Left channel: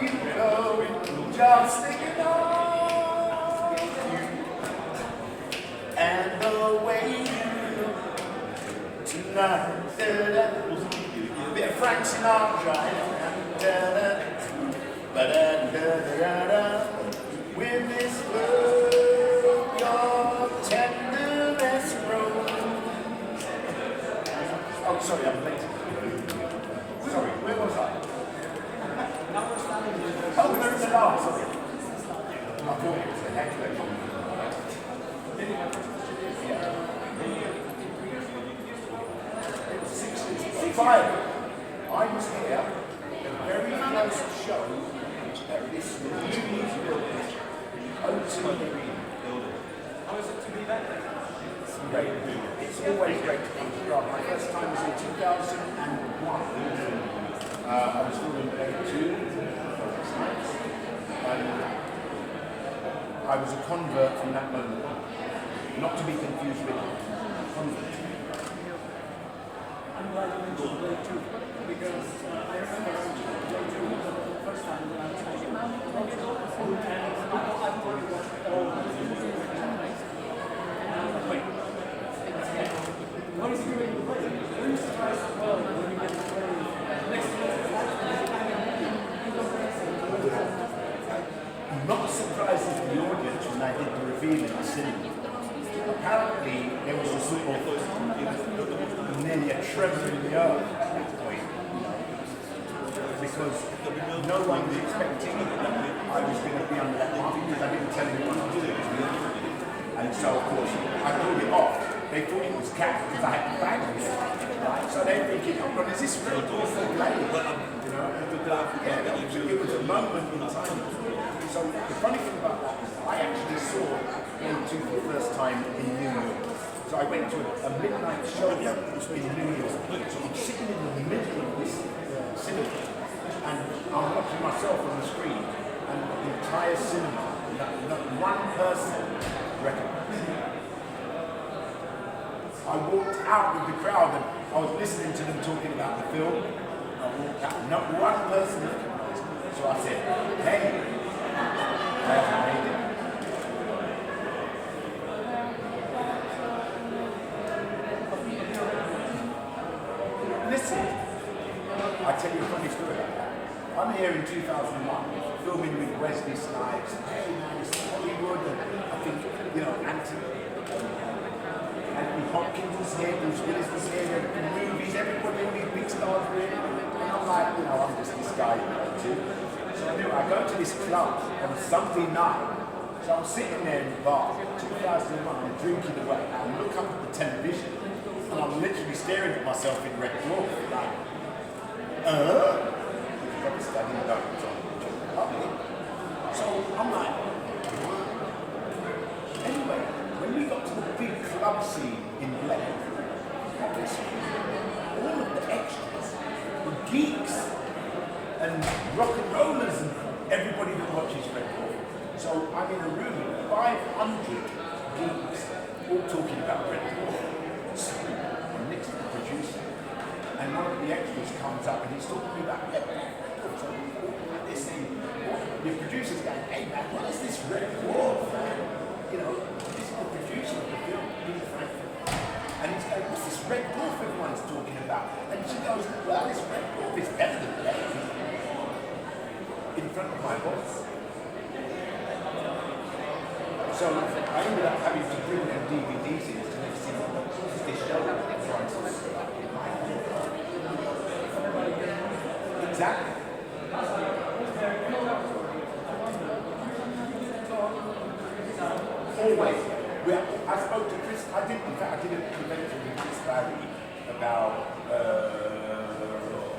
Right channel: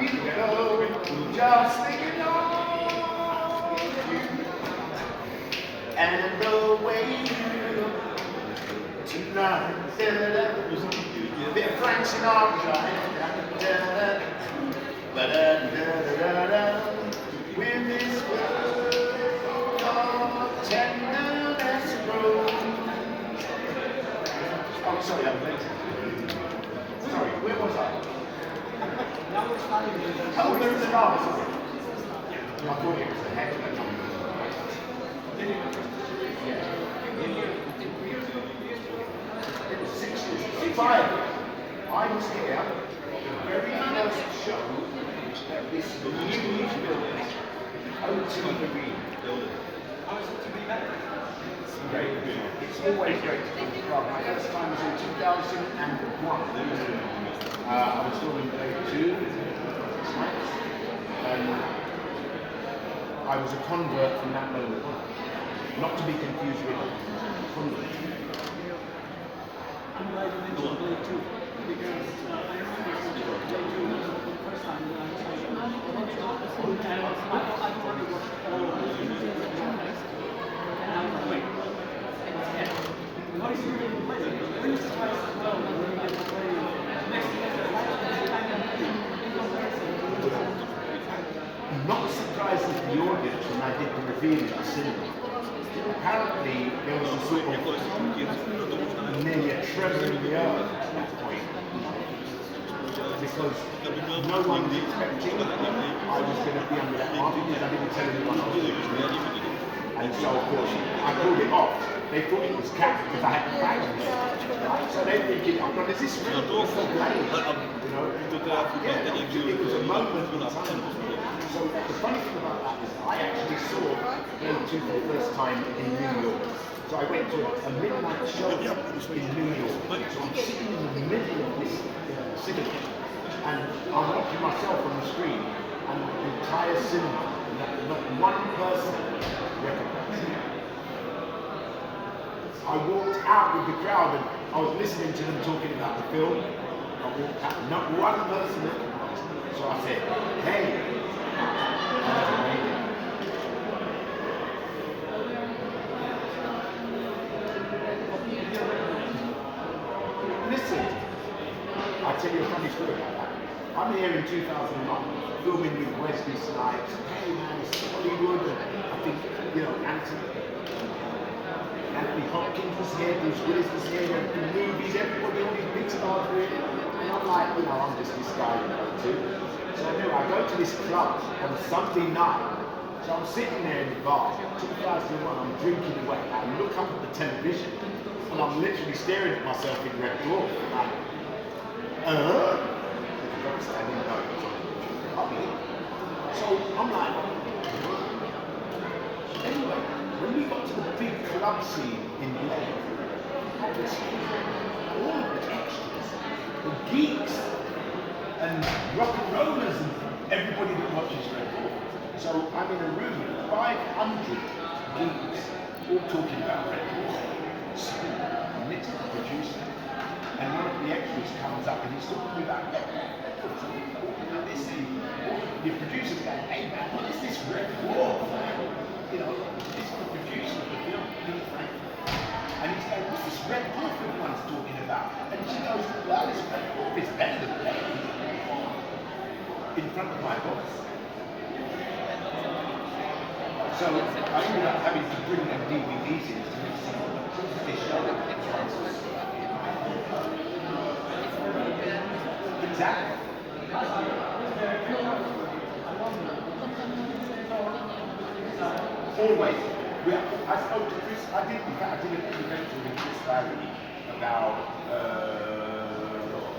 feeling just thinking of you and the way you look tonight. Bit of Frank Sinatra. With this world of tenderness grows. Oh, sorry, I'm late. Sorry, where was I? Oh, where is the last? Sorry. I thought it was the head that jumped. Yeah. It was 65. I was here, the very first show, this new music building, OTV building. How is it to be back? It's great. It's always great to come to Prague. My first time was in 2001. I was still in grade 2, and I was a convert from that moment on. Not to be confused with a convert. I'm glad you mentioned grade 2. Because I remember grade 2 was the first time I thought it was all of those images and channels. And I was like, wait, what is he going to play? Were you surprised as well when you get to play next to I'm not surprised at the audience when I did the reveal in the cinema. Apparently, there was a sort of nearly a tremor in the earth at that point. Because no one was expecting I was going to be under that mark because I didn't tell anyone I was doing it. And so, of course, I pulled it off. They thought it was cat because I had the bag on it. So they're thinking, oh, is this real? It's so late. You know? Yeah, it was a moment in time. So the funny thing about that is I actually saw grade 2 for the first time in New York. So I went to a midnight show in New York. So I'm sitting in the middle of this cinema and I'm watching myself on the screen and the entire cinema, not one person recognized me. I walked out with the crowd and I was listening to them talking about the film. I walked out, not one person recognized me. So I said, hey, listen, I tell you a funny story about that. I'm here in 2001, filming with Wesley Snipes. Hey man, it's Hollywood. I think, you know, Anthony Hopkins was here, Bruce Willis was here, the movies, everybody, all these big stars were here. And I'm like, you know, I'm just this guy you go to. So I go to this club on Sunday night. So I'm sitting there in the bar, 2001, I'm drinking away. I look up at the television and I'm literally staring at myself in Red Dwarf, like, So I'm like, anyway, when we got to the big club scene in Prague, all of the extras, the geeks, and rock and rollers, and everybody that watches Red Dwarf. So I'm in a room with 500 geeks, all talking about Red Dwarf. So I mix the producer, and one of the extras comes up and he's talking about Red Dwarf. So this thing, the producer's going, hey man, what is this Red Dwarf? You know, this is the producer of the film, Billy Frank. And he's going, what's this Red Dwarf everyone's talking about? And she goes, well, this Red Dwarf is better than Blade. In front of my boss. So I ended up having to bring them DVDs in to see this show. Exactly. Always. I spoke to Chris, I did an event with Chris Barry about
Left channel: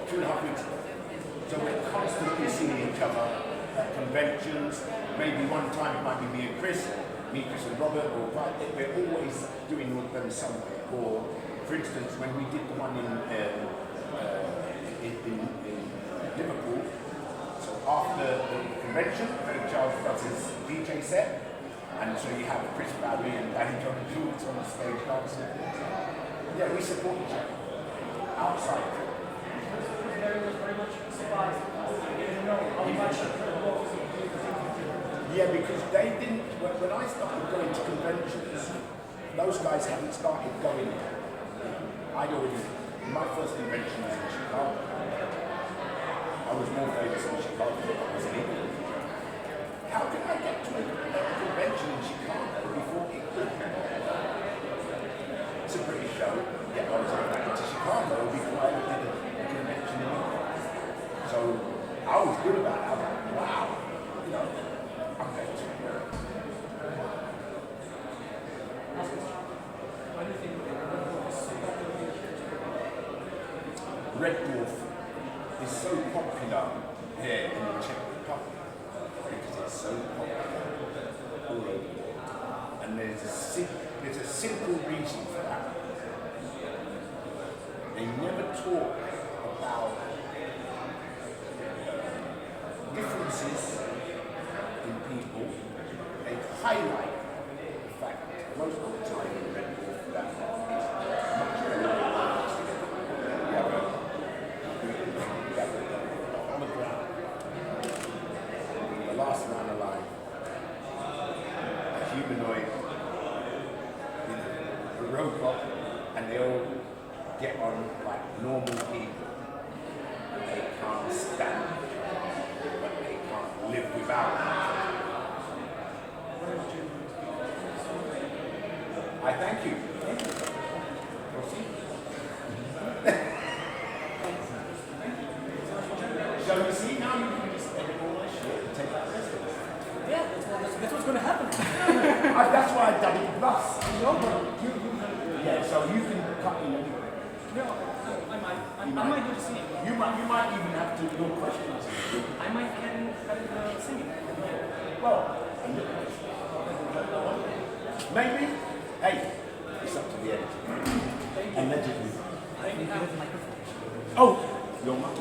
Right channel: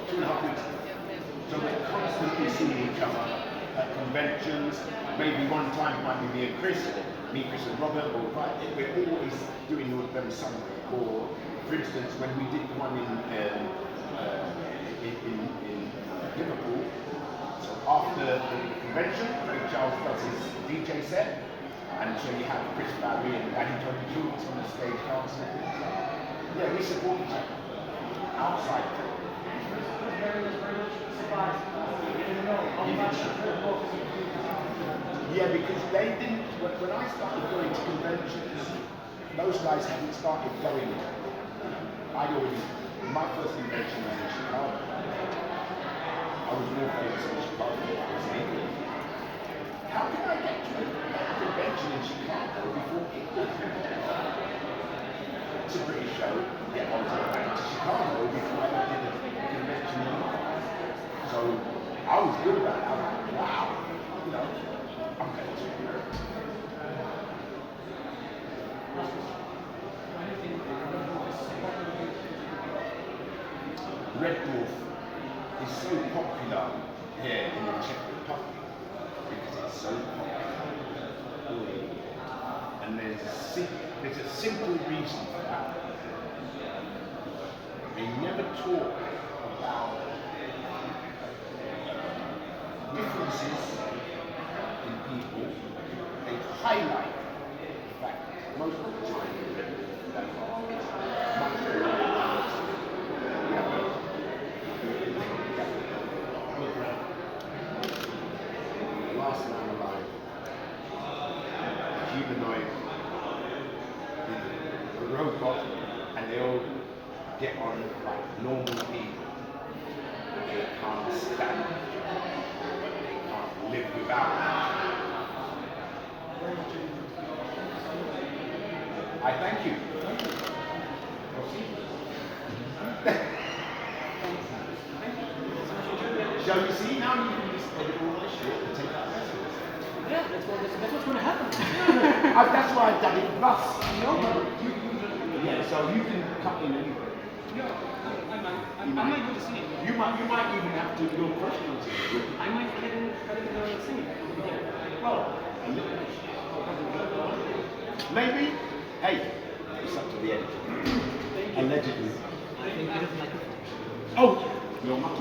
2.5 weeks ago. So we're constantly seeing each other at conventions. Maybe one time it might be me and Chris, or me, Chris and Robert, or we're always doing them somewhere. Or, for instance, when we did the one in Liverpool, so after the convention, John-Jules does his DJ set, and so you have Chris Barry and John-Jules on the stage dancing. Yeah, we support each other outside. Very much surprised. You know how much Yeah, because they didn't, when I started going to conventions, those guys hadn't started going. I'd already, my first convention was in Chicago. I was more famous in Chicago than I was in England. How can I get to a convention in Chicago before England? It's a British show. Yeah, I was going to Chicago before I ever did a convention in England. So I was good about it. I was like, wow, you know, I'm going to America. Red Dwarf is so popular here in the Czech Republic because it's so popular all over. And there's a simple reason for that. They never talk about differences in people. They highlight the fact that most of the time that is much better. The last man alive, a humanoid, a robot, and they all get on like normal people. They can't stand it, but they can't live without it. I thank you. So you see, now you can just edit all this shit and take out the rest of it. Yeah, that's what's going to happen. That's why I've done it plus. No, but Yeah, so you can cut in anyway. no, I might do the same. You might even have to do questions. I might cut it the same. Well, maybe. Hey, it's up to the editor. Allegedly. I have my Oh, you're much